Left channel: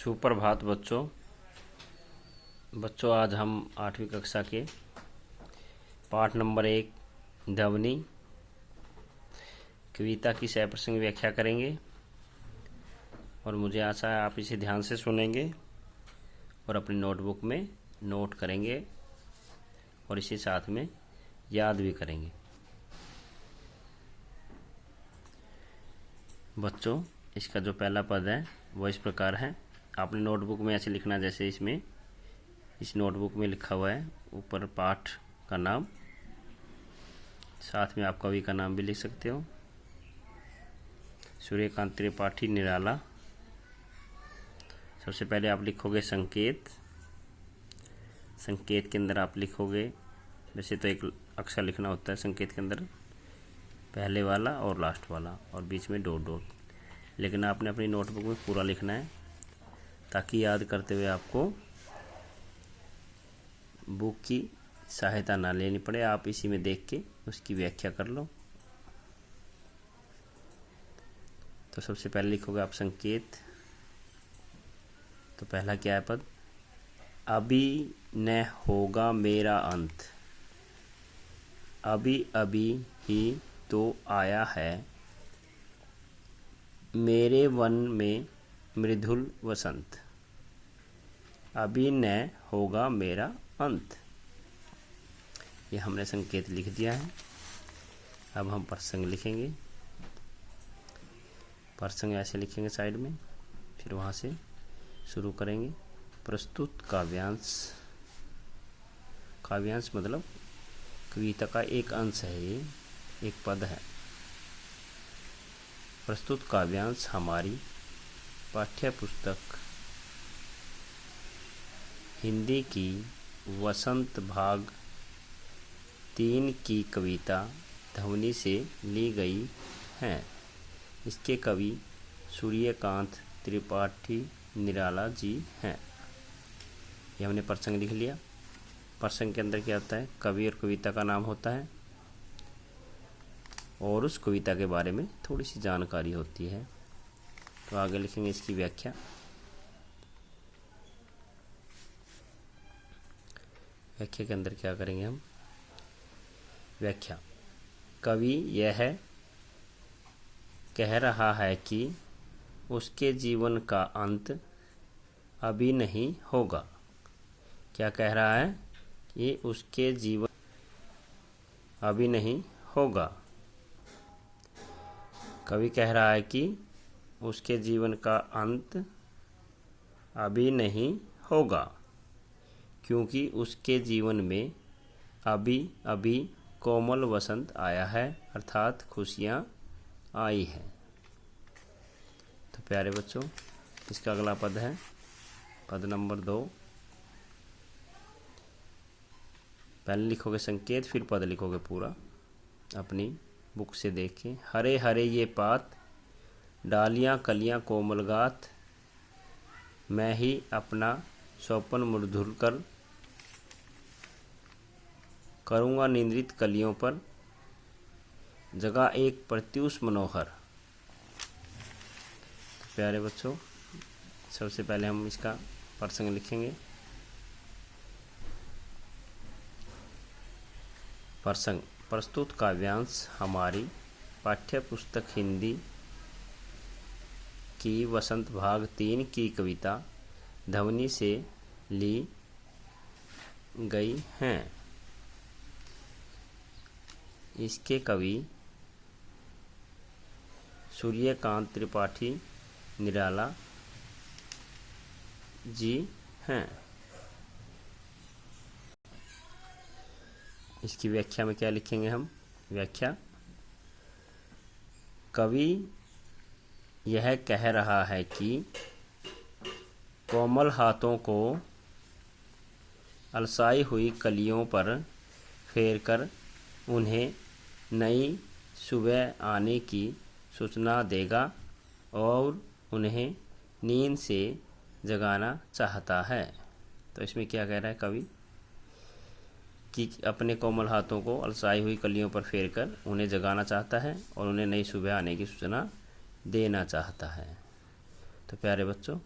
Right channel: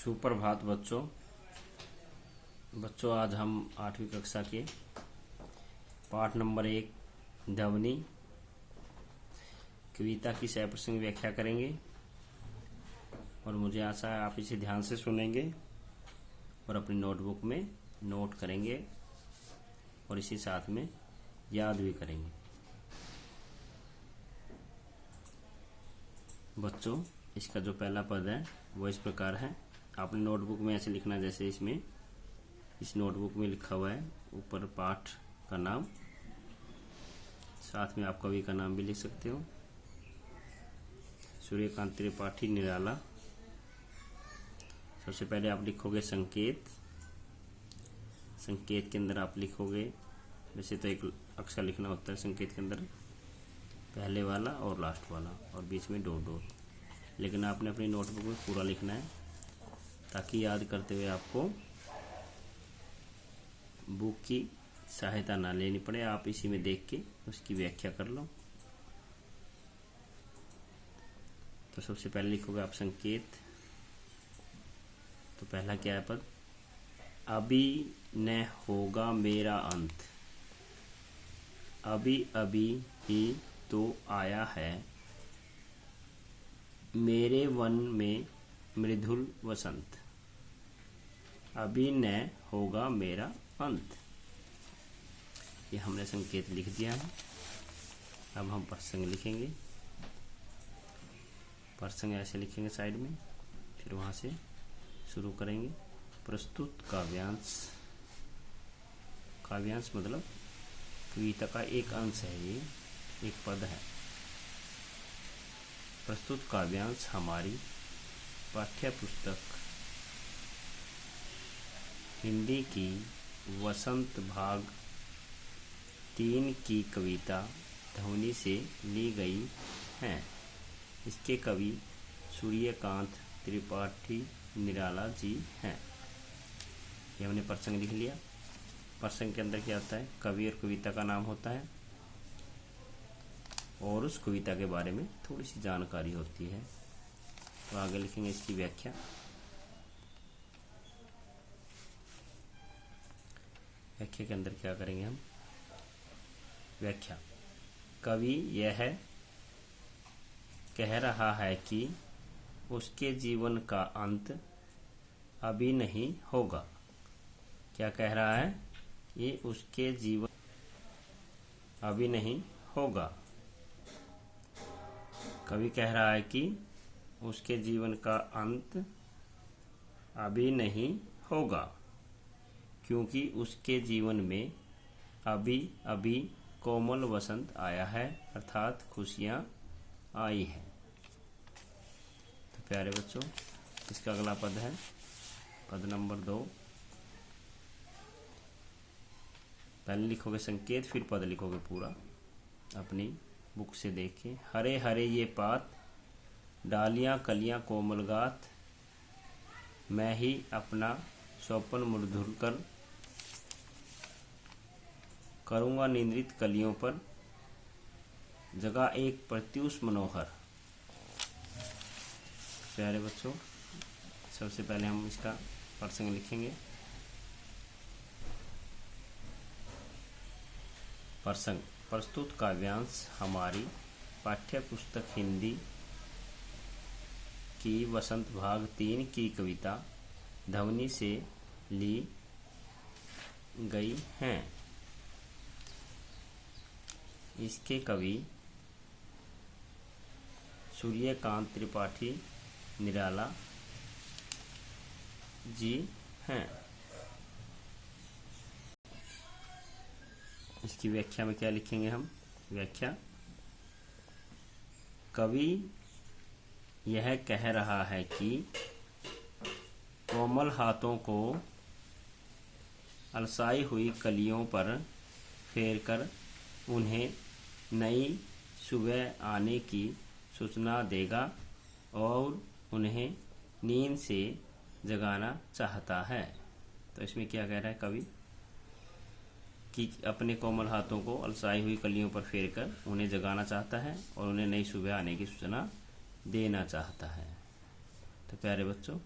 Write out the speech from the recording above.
सुप्रभात बच्चों आज हम 8वीं कक्षा के पाठ नंबर 1 ध्वनि कविता की सप्रसंग व्याख्या करेंगे और मुझे आशा है आप इसे ध्यान से सुनेंगे और अपनी नोटबुक में नोट करेंगे और इसे साथ में याद भी करेंगे। बच्चों, इसका जो पहला पद है वो इस प्रकार है। आपने नोटबुक में ऐसे लिखना जैसे इस नोटबुक में लिखा हुआ है। ऊपर पाठ का नाम, साथ में आप कवि का नाम भी लिख सकते हो। सूर्यकांत त्रिपाठी निराला। सबसे पहले आप लिखोगे संकेत। संकेत के अंदर आप लिखोगे, वैसे तो एक अक्षर लिखना होता है संकेत के अंदर, पहले वाला और लास्ट वाला और बीच में डॉट डॉट, लेकिन आपने अपनी नोटबुक में पूरा लिखना है ताकि याद करते हुए आपको बुक की सहायता ना लेनी पड़े। आप इसी में देख के उसकी व्याख्या कर लो। तो सबसे पहले लिखोगे आप संकेत। तो पहला क्या है पद? अभी न होगा मेरा अंत, अभी अभी ही तो आया है मेरे वन में मृदुल वसंत, अभी न होगा मेरा अंत। ये हमने संकेत लिख दिया है। अब हम प्रसंग लिखेंगे। प्रसंग ऐसे लिखेंगे साइड में, फिर वहाँ से शुरू करेंगे। प्रस्तुत काव्यांश। काव्यांश मतलब कविता का एक अंश है, ये एक पद है। प्रस्तुत काव्यांश हमारी पाठ्य पुस्तक हिंदी की वसंत भाग 3 की कविता ध्वनि से ली गई है। इसके कवि सूर्यकांत त्रिपाठी निराला जी हैं। ये हमने प्रसंग लिख लिया। प्रसंग के अंदर क्या होता है? कवि और कविता का नाम होता है और उस कविता के बारे में थोड़ी सी जानकारी होती है। तो आगे लिखेंगे इसकी व्याख्या। व्याख्या के अंदर क्या करेंगे हम? व्याख्या। कवि यह कह रहा है कि उसके जीवन का अंत अभी नहीं होगा। क्या कह रहा है? कि उसके जीवन अभी नहीं होगा। कवि कह रहा है कि उसके जीवन का अंत अभी नहीं होगा क्योंकि उसके जीवन में अभी अभी कोमल वसंत आया है, अर्थात खुशियाँ आई हैं। तो प्यारे बच्चों, इसका अगला पद है पद नंबर 2। पहले लिखोगे संकेत, फिर पद लिखोगे पूरा अपनी बुक से देख के। हरे हरे ये पात, डालियाँ कलियाँ कोमल गात, मैं ही अपना स्वप्न मधुर कर करूँगा निंद्रित कलियों पर, जगह एक प्रत्युष मनोहर। प्यारे बच्चों, सबसे पहले हम इसका प्रसंग लिखेंगे। प्रसंग। प्रस्तुत काव्यांश हमारी पाठ्य पुस्तक हिंदी की वसंत भाग 3 की कविता ध्वनि से ली गई हैं। इसके कवि सूर्यकांत त्रिपाठी निराला जी हैं। इसकी व्याख्या में क्या लिखेंगे हम? व्याख्या। कवि यह कह रहा है कि कोमल हाथों को अलसाई हुई कलियों पर फेरकर उन्हें नई सुबह आने की सूचना देगा और उन्हें नींद से जगाना चाहता है। तो इसमें क्या कह रहा है कवि? कि अपने कोमल हाथों को अलसाई हुई कलियों पर फेरकर उन्हें जगाना चाहता है और उन्हें नई सुबह आने की सूचना देना चाहता है। तो प्यारे बच्चों,